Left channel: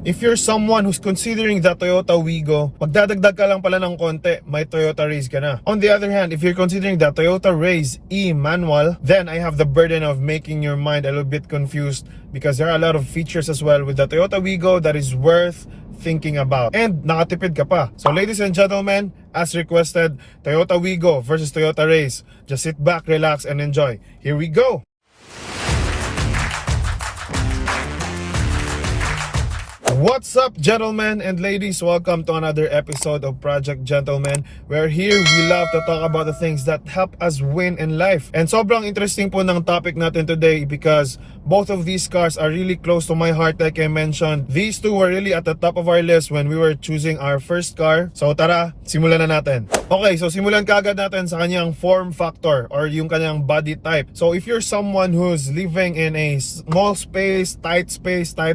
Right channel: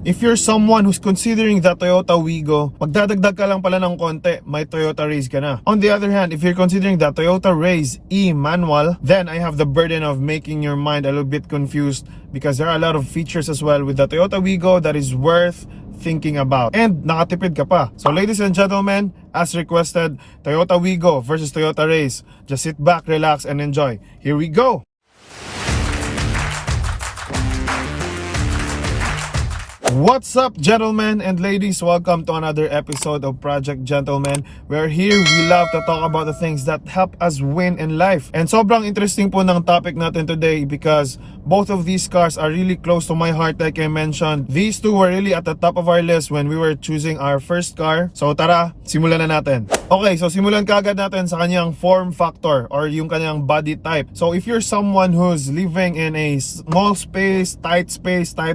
If you're someone who's considering the Toyota Wigo, magdadagdag ka lang pala ng konti, may Toyota Raize ka na. On the other hand, if you're considering the Toyota Raize E manual, then I have the burden of making your mind a little bit confused because there are a lot of features as well with the Toyota Wigo that is worth thinking about. And nakatipid ka pa. So ladies and gentlemen, as requested, Toyota Wigo versus Toyota Raize. Just sit back, relax, and enjoy. Here we go! What's up, gentlemen and ladies? Welcome to another episode of Project Gentleman, where here we love to talk about the things that help us win in life. And sobrang interesting po ng topic natin today because both of these cars are really close to my heart. Like I mentioned, these two were really at the top of our list when we were choosing our first car. So tara, simulan na natin. Okay, so simulan kaagad natin sa kanyang form factor or yung kanyang body type. So if you're someone who's living in a small space, tight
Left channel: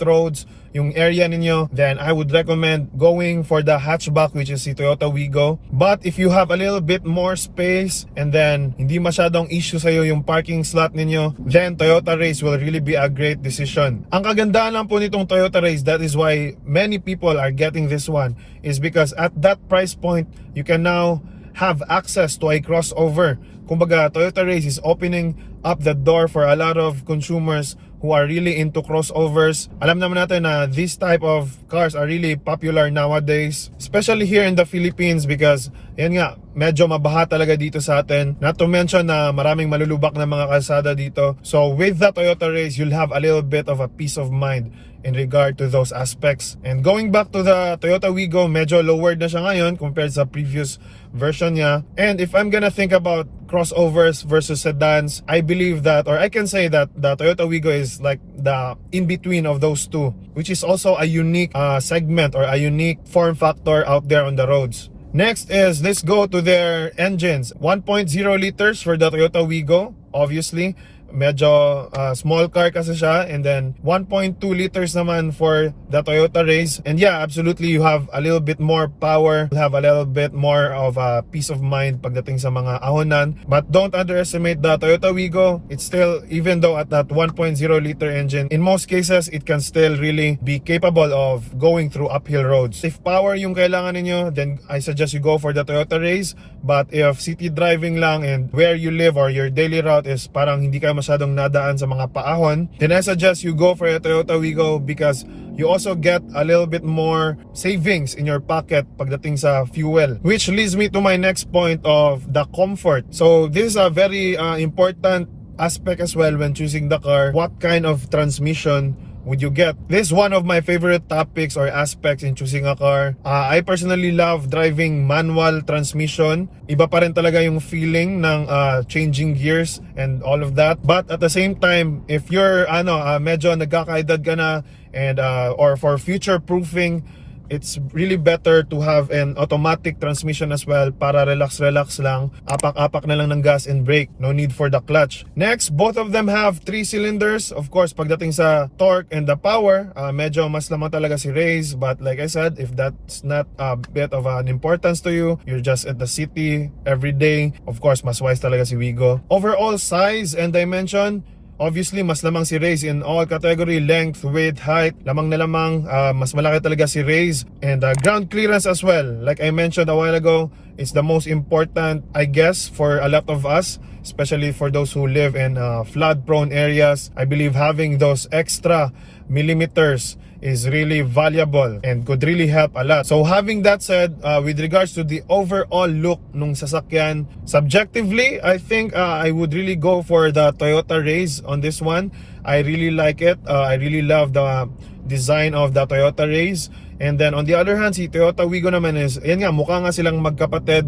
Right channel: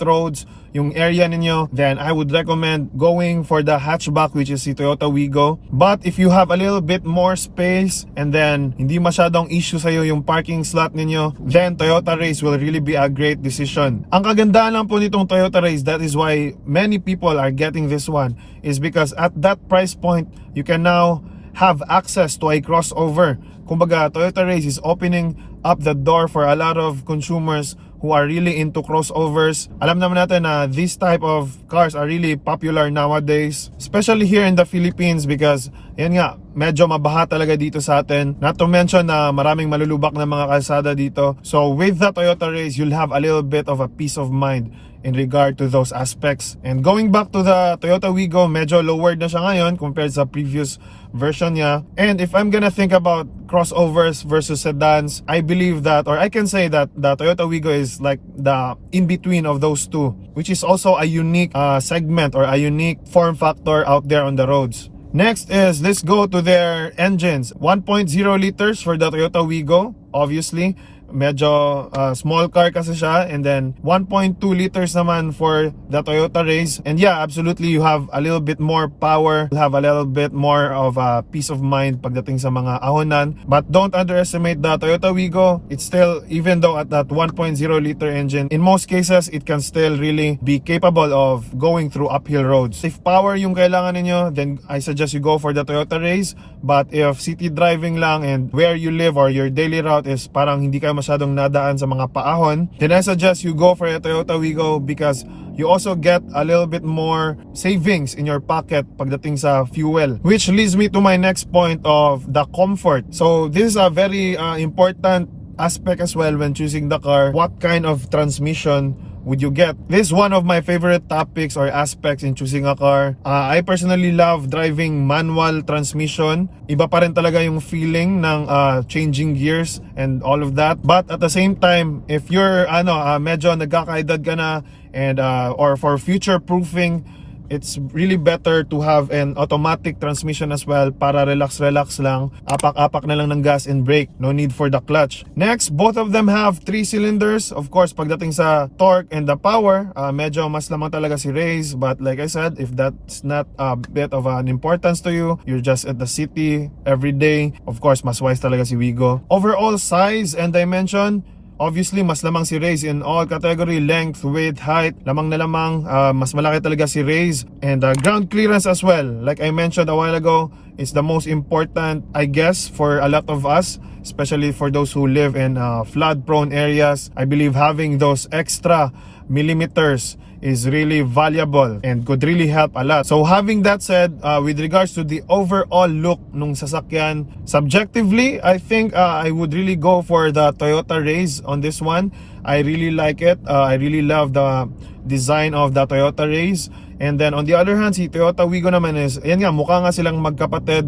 roads, yung area ninyo, then I would recommend going for the hatchback, which is the Toyota Wigo. But if you have a little bit more space and then hindi masyadong issue sa'yo yung parking slot ninyo, then Toyota Raize will really be a great decision. Ang kagandahan lang po nitong Toyota Raize, that is why many people are getting this one, is because at that price point, you can now have access to a crossover. Kumbaga, Toyota Raize is opening up the door for a lot of consumers who are really into crossovers. Alam naman natin na this type of cars are really popular nowadays, especially here in the Philippines because yan nga, medyo mabaha talaga dito sa atin. Not to mention na maraming malulubak na mga kalsada dito. So with the Toyota Raize, you'll have a little bit of a peace of mind in regard to those aspects. And going back to the Toyota Wigo, medyo lowered na siya ngayon compared sa previous version niya. And if I'm gonna think about crossovers versus sedans, I believe that, or I can say that the Toyota Wigo is like the in-between of those two, which is also a unique segment or a unique form factor out there on the roads. Next is, let's go to their engines. 1.0 liters for the Toyota Wigo, obviously. Medyo small car kasi siya, and then 1.2 liters naman for the Toyota Raize. And yeah, absolutely, you have a little bit more power, you have a little bit more of a peace of mind pagdating sa mga ahonan. But don't underestimate the Toyota Wigo. It's still, even though at that 1.0 liter engine, in most cases it can still really be capable of going through uphill roads. If power yung kailangan ninyo, then I suggest you go for the Toyota Raize. But if city driving lang and where you live or your daily route is parang hindi ka masyadong nadaan sa mga paahon, then I suggest you go for a Toyota Wigo because you also get a little bit more savings in your pocket pagdating sa fuel. Which leads me to my next point of the comfort. So this is a very important aspect as well when choosing the car. What kind of transmission would you get? This is one of my favorite topics or aspects in choosing a car. I personally love driving manual transmission. Iba pa rin talaga yung feeling ng changing gears and all of that. But at the same time, if you're medyo nagkakaedad ka na and or for future proofing, it's really better to have an automatic transmission as well para relax lang, apak-apak na lang ng gas and brake, no need for the clutch. Next, both of them have 3 cylinders. Of course, pagdating sa torque and the power, medyo mas lamang talaga si Raize, but like I said, if that's not a bit of an importance to you, you're just at the city every day, of course, mas wise talaga si Wigo. Overall size and dimension, obviously, mas lamang si Raize in all category, length, width, height. Lamang na lamang, mas malaki talaga si Raize. And ground clearance as well. Like I mentioned a while ago, it's the most important, I guess, for a lot of us, especially for those who live in flood-prone areas. I believe having those extra millimeters is really valuable and could really help a lot. So having that said, with regards to the overall look nung sasakyan, subjectively, I think I would really go for the Toyota Raize on this one. I really like it. I really love the design of the Toyota Raize. And then on the other hand, si Toyota Wigo naman is, yan nga, mukha nga silang magkapatid.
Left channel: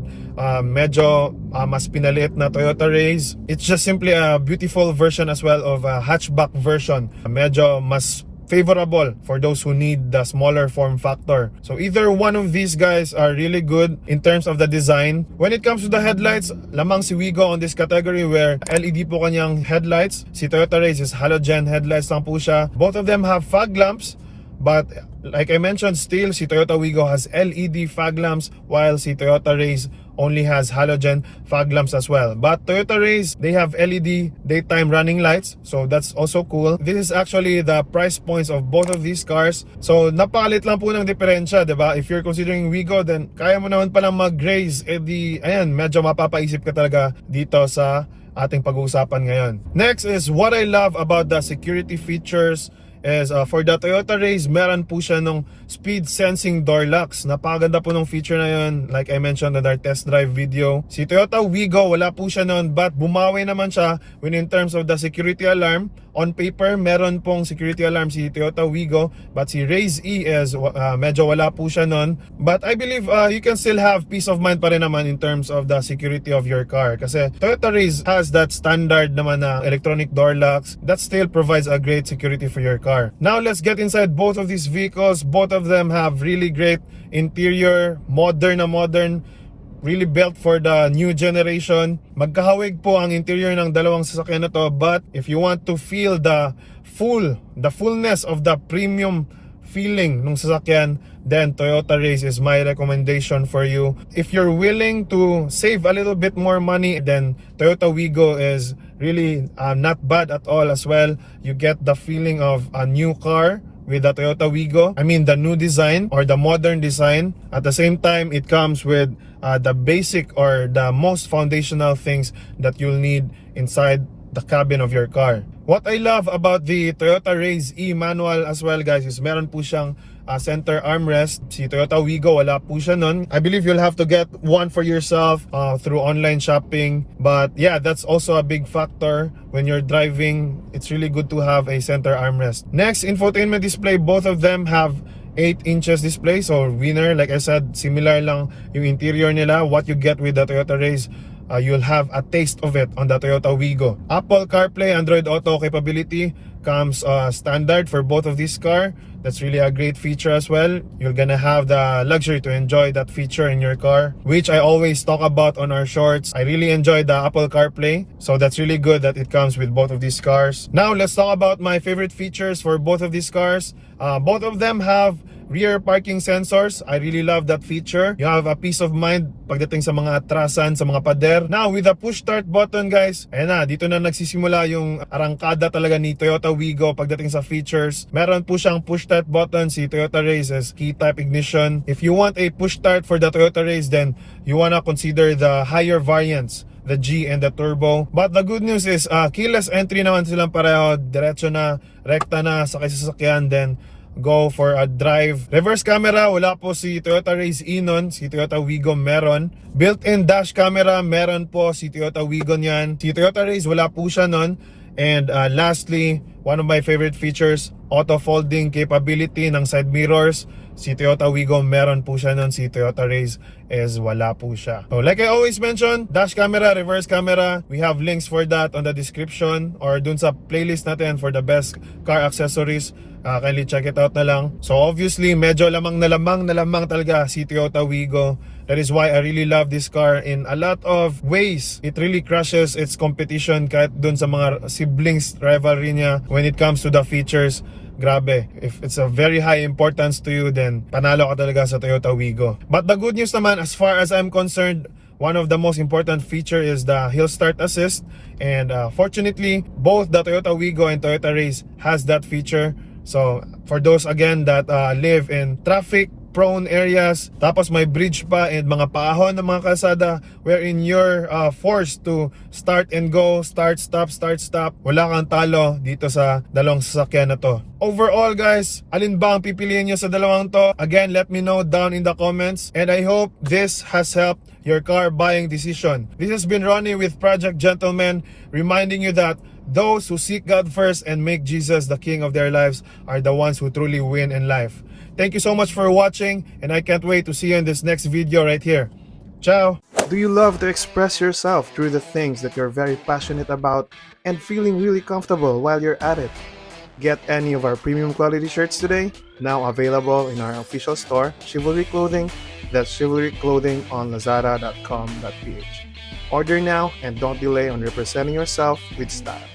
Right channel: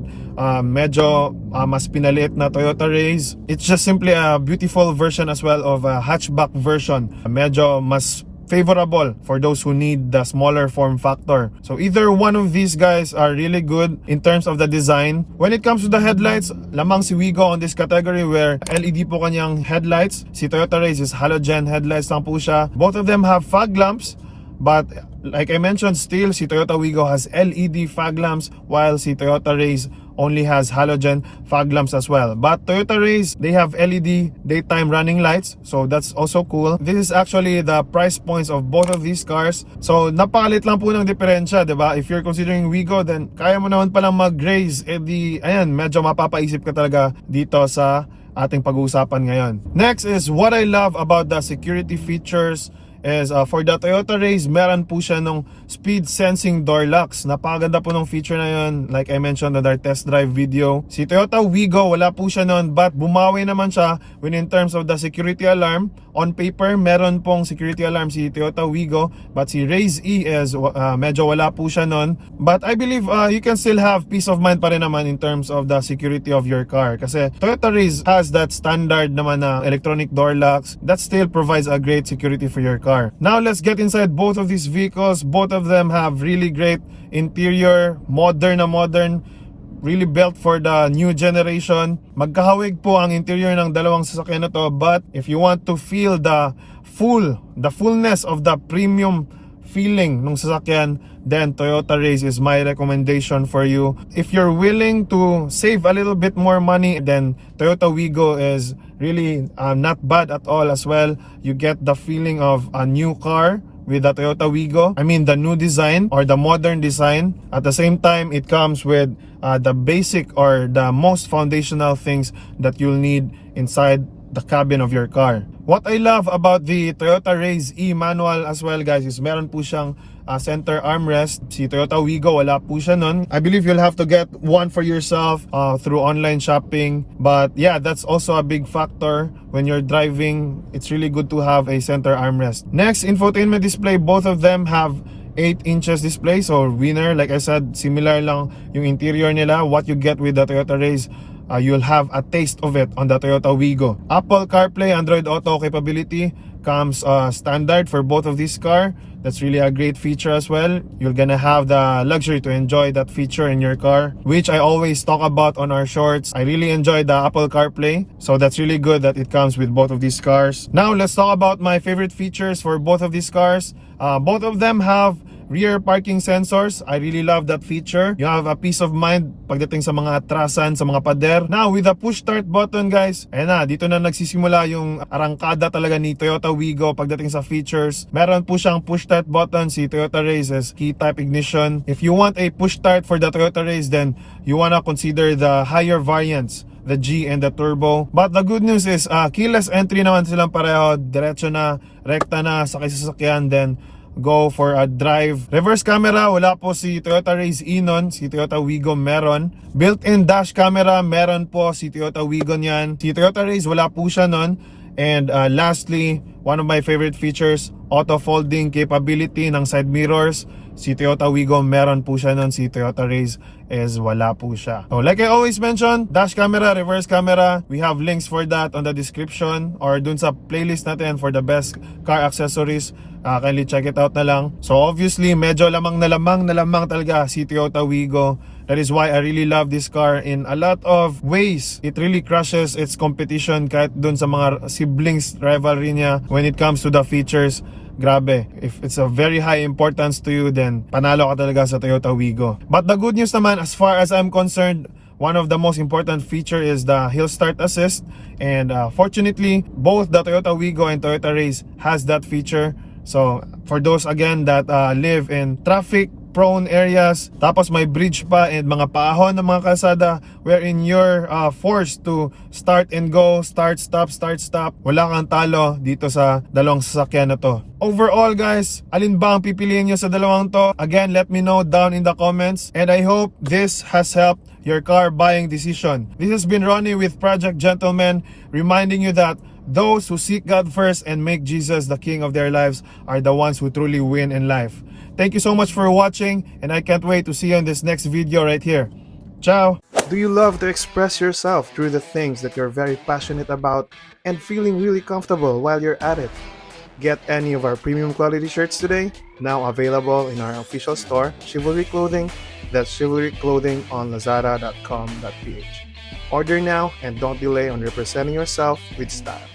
Medyo mas pinaliit na Toyota Raize. It's just simply a beautiful version as well of a hatchback version. Medyo mas favorable for those who need the smaller form factor. So either one of these guys are really good in terms of the design. When it comes to the headlights, lamang si Wigo on this category where LED po kanyang headlights. Si Toyota Raize is halogen headlights lang po siya. Both of them have fog lamps, But like I mentioned, still si Toyota Wigo has LED fog lamps, while si Toyota Raize only has halogen fog lamps as well. But Toyota Raize, they have LED daytime running lights, so that's also cool. This is actually the price points of both of these cars. So napalit lang po ng diferensya, diba? If you're considering Wigo, then kaya mo naman palang mag-Raize. Ayan, medyo mapapaisip ka talaga dito sa ating pag-uusapan ngayon. Next is what I love about the security features is for the Toyota Raize, meron po siya nung speed sensing door locks. Napakaganda po ng feature na yun, like I mentioned in our test drive video. Si Toyota Wigo, wala po siya nun, but bumawi naman siya when in terms of the security alarm. On paper, meron pong security alarm si Toyota Wigo, but si Raize E is medyo wala po siya nun. But I believe you can still have peace of mind pa rin naman in terms of the security of your car, kasi Toyota Raize has that standard naman na electronic door locks that still provides a great security for your car. Now let's get inside both of these vehicles. Both of them have really great interior, modern, really built for the new generation. Magkahawig po ang interior ng dalawang sasakyan na to, but if you want to feel the fullness of the premium feeling ng sasakyan, then Toyota Raize is my recommendation for you. If you're willing to save a little bit more money, then Toyota Wigo is really not bad at all as well. You get the feeling of a new car with the Toyota Wigo. I mean the new design or the modern design. At the same time, it comes with the basic or the most foundational things that you'll need inside the cabin of your car. What I love about the Toyota Raize E manual as well, guys, is meron po siyang center armrest. Si Toyota Wigo, wala po siya nun. I believe you'll have to get one for yourself through online shopping. But yeah, that's also a big factor when you're driving. It's really good to have a center armrest. Next, infotainment display. Both of them have 8 inches display, so winner. Like I said, similar lang yung interior nila. What you get with the Toyota Raize, you'll have a taste of it on the Toyota Wigo. Apple CarPlay, Android Auto capability comes standard for both of these cars. That's really a great feature as well. You're gonna have the luxury to enjoy that feature in your car, which I always talk about on our shorts. I really enjoy the Apple CarPlay, so that's really good that it comes with both of these cars. Now let's talk about my favorite features for both of these cars. Both of them have rear parking sensors. I really love that feature. You have a peace of mind pagdating sa mga atrasan, sa mga pader. Now, with the push start button, guys, ayan na, dito na nagsisimula yung arangkada talaga ni Toyota Wigo pagdating sa features. Meron po siyang push start button. Si Toyota Raize is key type ignition. If you want a push start for the Toyota Raize, then you wanna consider the higher variants, the G and the Turbo. But the good news is keyless entry naman silang pareho. Diretso na, rekta na, sakay sa sasakyan, then go for a drive. Reverse camera, wala po si Toyota Raize E nun. Si Toyota Wigo meron. Built-in dash camera, meron po si Toyota Wigo niyan. Si Toyota Raize, wala po siya nun. And lastly, one of my favorite features, auto folding capability ng side mirrors. Si Toyota Wigo meron po siya nun. Si Toyota Raize is wala po siya. So like I always mention, dash camera, reverse camera, we have links for that on the description or dun sa playlist natin for the best car accessories. Kindly check it out na lang. So obviously, medyo lamang talaga si Toyota Wigo. That is why I really love this car in a lot of ways. It really crushes its competition kahit dun sa mga siblings rivalry niya when it comes to the features. Grabe, if it's a very high importance to you, then panalo ka talaga sa Toyota Wigo. But the good news naman, as far as I'm concerned, one of the most important feature is the hill start assist. And fortunately, both the Toyota Wigo and Toyota Raize has that feature. So for those again that live in traffic prone areas, tapos may bridge pa and mga paahon ng mga kalsada wherein you're forced to start and go, start, stop, wala kang talo dito sa dalawang sasakyan na to. Overall, guys, alin ba ang pipiliin nyo sa dalawang to? Again, let me know down in the comments, and I hope this has helped your car buying decision. This has been Ronnie with Project Gentleman, reminding you that those who seek God first and make Jesus the King of their lives are the ones who truly win in life. Thank you so much for watching, and I can't wait to see you in this next video right here. Ciao! Do you love to express yourself through the things that you're very passionate about and feeling really comfortable while you're at it? Get any of our premium quality shirts today, now available in our official store, Chivalry Clothing. That's Chivalry Clothing on lazada.com.ph. Order now and don't delay on representing yourself with style.